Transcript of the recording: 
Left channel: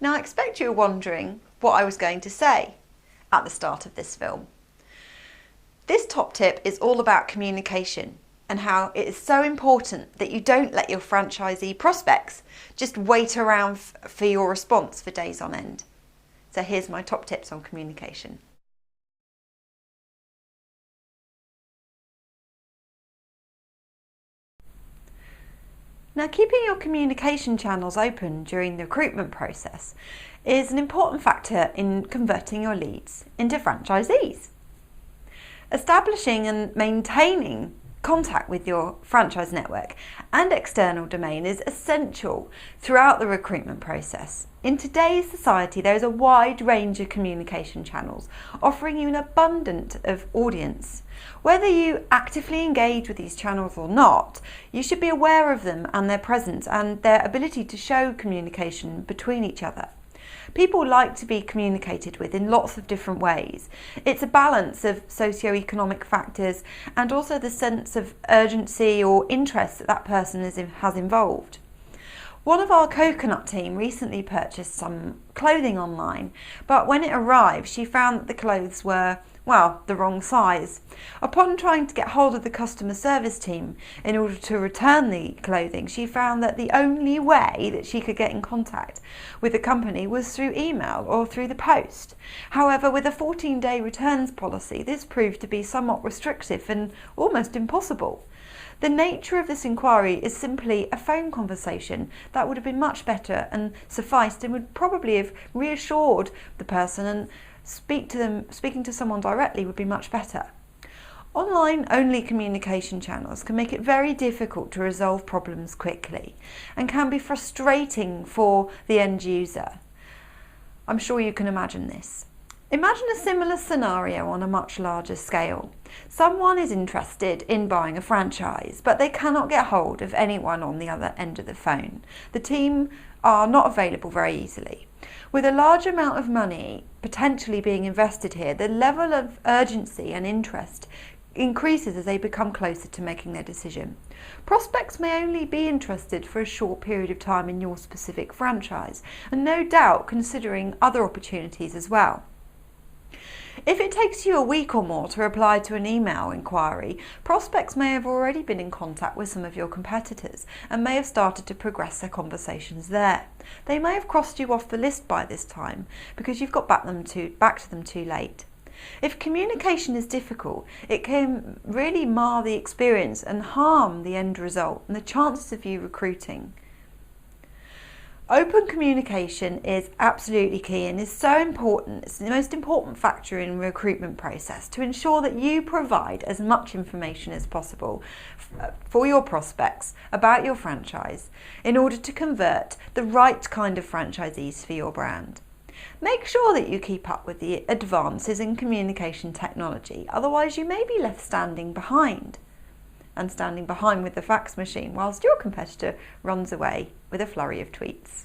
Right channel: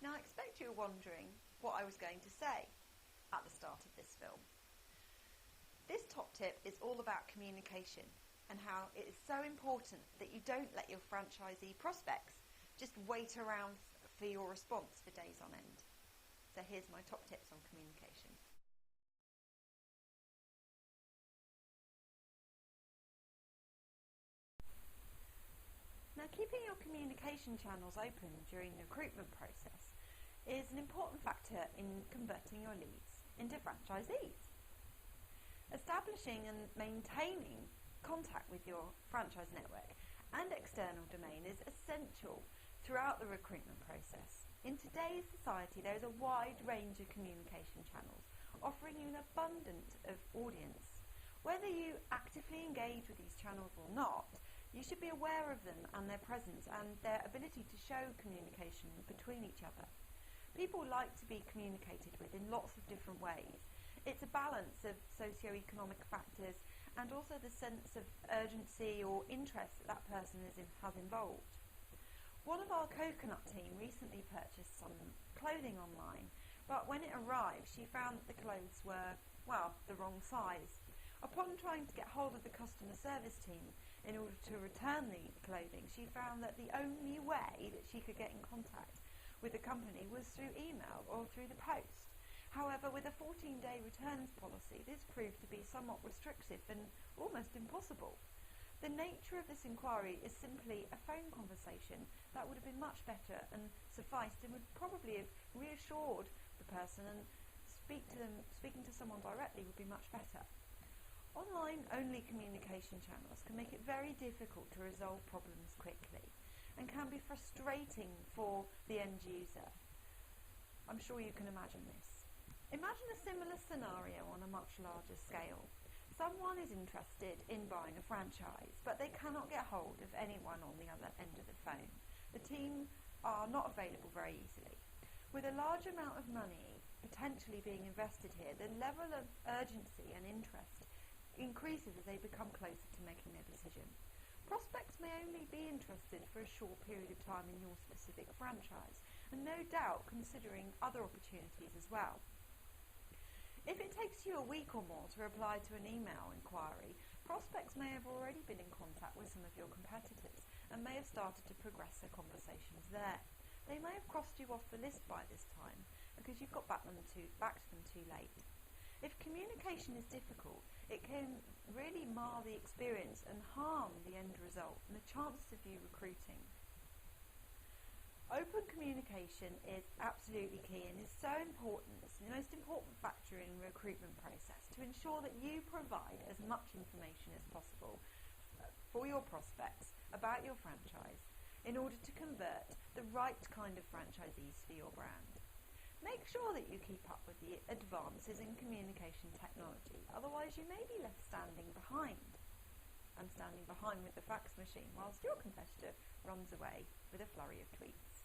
Now I expect you're wondering what I was going to say at the start of this film. This top tip is all about communication and how it is so important that you don't let your franchisee prospects just wait around for your response for days on end. So here's my top tips on communication. Now, keeping your communication channels open during the recruitment process is an important factor in converting your leads into franchisees. Establishing and maintaining contact with your franchise network and external domain is essential throughout the recruitment process. In today's society, there is a wide range of communication channels offering you an abundance of audience. Whether you actively engage with these channels or not, you should be aware of them and their presence and their ability to show communication between each other. People like to be communicated with in lots of different ways. It's a balance of socio-economic factors and also the sense of urgency or interest that that person has involved. One of our coconut team recently purchased some clothing online, but when it arrived, she found that the clothes were, well, the wrong size. Upon trying to get hold of the customer service team in order to return the clothing, she found that the only way that she could get in contact with the company was through email or through the post. However, with a 14-day returns policy, this proved to be somewhat restrictive and almost impossible. The nature of this inquiry is simply a phone conversation that would have been much better and sufficed and would probably have reassured the person, and speaking to someone directly would be much better. Online-only communication channels can make it very difficult to resolve problems quickly and can be frustrating for the end user. I'm sure you can imagine this. Imagine a similar scenario on a much larger scale. Someone is interested in buying a franchise, but they cannot get hold of anyone on the other end of the phone. The team are not available very easily. With a large amount of money potentially being invested here, the level of urgency and interest increases as they become closer to making their decision. Prospects may only be interested for a short period of time in your specific franchise, and no doubt considering other opportunities as well. If it takes you a week or more to reply to an email inquiry, prospects may have already been in contact with some of your competitors and may have started to progress their conversations there. They may have crossed you off the list by this time because you've got back to them too late. If communication is difficult, it can really mar the experience and harm the end result and the chances of you recruiting. Open communication is absolutely key and is so important. It's the most important factor in the recruitment process to ensure that you provide as much information as possible for your prospects about your franchise in order to convert the right kind of franchisees for your brand. Make sure that you keep up with the advances in communication technology, otherwise you may be left standing behind with the fax machine whilst your competitor runs away with a flurry of tweets.